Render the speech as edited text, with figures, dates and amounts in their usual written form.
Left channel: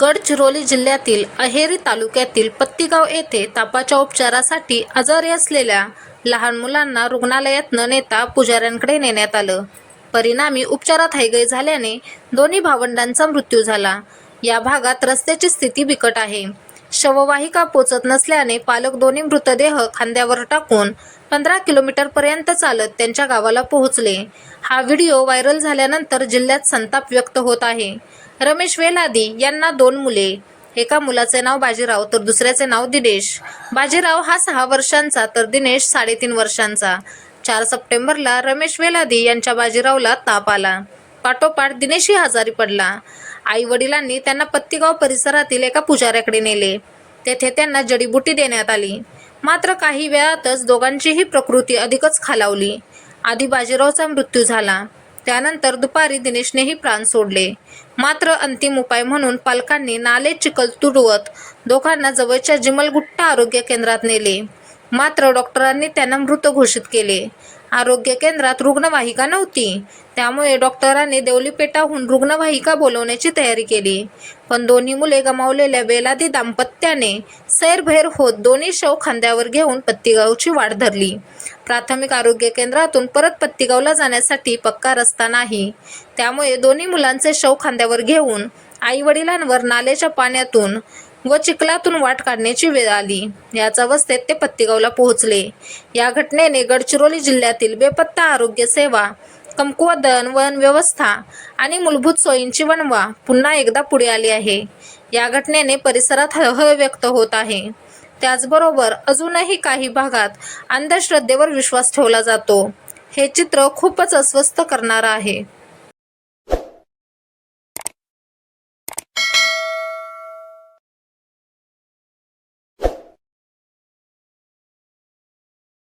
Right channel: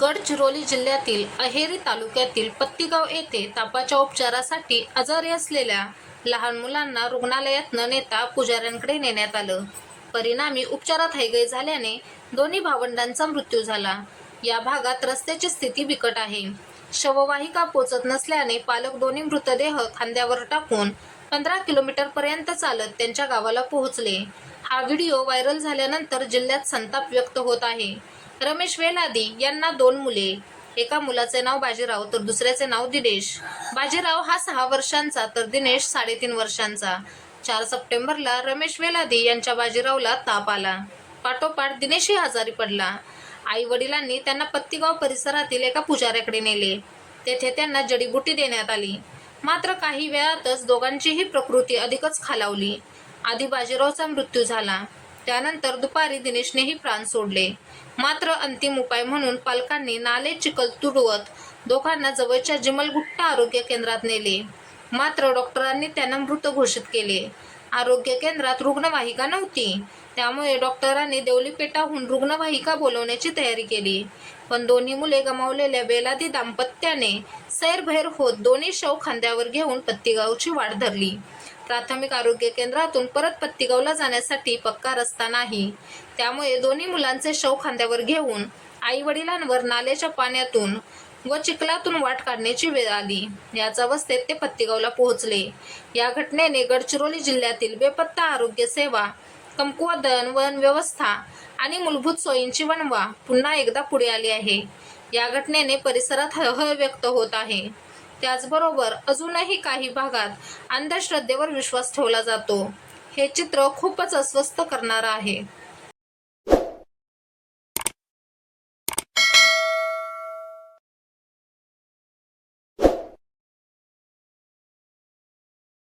गडचिरोली जिल्ह्यातील अहेरी तालुक्यातील पत्तीगाव येथे तापाच्या उपचारासाठी आजारी असलेल्या लहान मुलांना रुग्णालयात न नेता पुजाऱ्यांकडे नेण्यात आलं. परिणामी उपचारात हयगय झाल्याने दोन्ही भावंडांचा मृत्यू झाला. या भागात रस्त्याची स्थिती बिकट आहे. शववाहिका पोचत नसल्याने पालक दोन्ही मृतदेह खांद्यावर टाकून 15 किलोमीटरपर्यंत चालत त्यांच्या गावाला पोहोचले. हा व्हिडिओ व्हायरल झाल्यानंतर जिल्ह्यात संताप व्यक्त होत आहे. रमेश वेलादी यांना 2 मुले. एका मुलाचे नाव बाजीराव तर दुसऱ्याचे नाव दिनेश. बाजीराव हा 6 वर्षांचा तर दिनेश 3.5 वर्षांचा. 4 सप्टेंबरला रमेश वेलादी यांच्या बाजीरावला ताप आला. पाठोपाठ दिनेशही आजारी पडला. आई वडिलांनी त्यांना पत्तीगाव परिसरातील एका पुजाऱ्याकडे नेले. तेथे त्यांना जडीबुटी देण्यात आली. मात्र काही वेळातच दोघांचीही प्रकृती अधिकच खालावली. आधी बाजीरावचा मृत्यू झाला. त्यानंतर दुपारी दिनेशनेही प्राण सोडले. मात्र अंतिम उपाय म्हणून पालकांनी नाले चिखल तुडवत दोघांना जवळच्या जिमलगुट्टा आरोग्य केंद्रात नेले. मात्र डॉक्टरांनी त्यांना मृत घोषित केले. आरोग्य केंद्रात रुग्णवाहिका नव्हती. त्यामुळे डॉक्टरांनी देवलीपेठाहून रुग्णवाहिका बोलवण्याची तयारी केली. पण दोन्ही मुले गमावलेल्या वेलादी दाम्पत्याने सैरभैर होत दोन्ही शव खांद्यावर घेऊन पत्तीगावची वाट धरली. प्राथमिक आरोग्य केंद्रातून परत पत्तीगावला जाण्यासाठी पक्का रस्ता नाही. त्यामुळे दोन्ही मुलांचे शव खांद्यावर घेऊन आई वडिलांवर नाल्याच्या पाण्यातून व चिखलातून वाट काढण्याची वेळ आली. याच अवस्थेत ते पत्तीगावला पोहोचले. या घटनेने गडचिरोली जिल्ह्यातील बेपत्ता आरोग्य सेवा, कमकुवत दळणवळण व्यवस्था आणि मूलभूत सोयींची वणवा पुन्हा एकदा पुढे आली आहे. या घटनेने परिसरात हळहळ व्यक्त होत आहे. त्याचबरोबर अजूनही काही भागात अंधश्रद्धेवर विश्वास ठेवला जातो. हे चित्र खूपच अस्वस्थ करणारं आहे.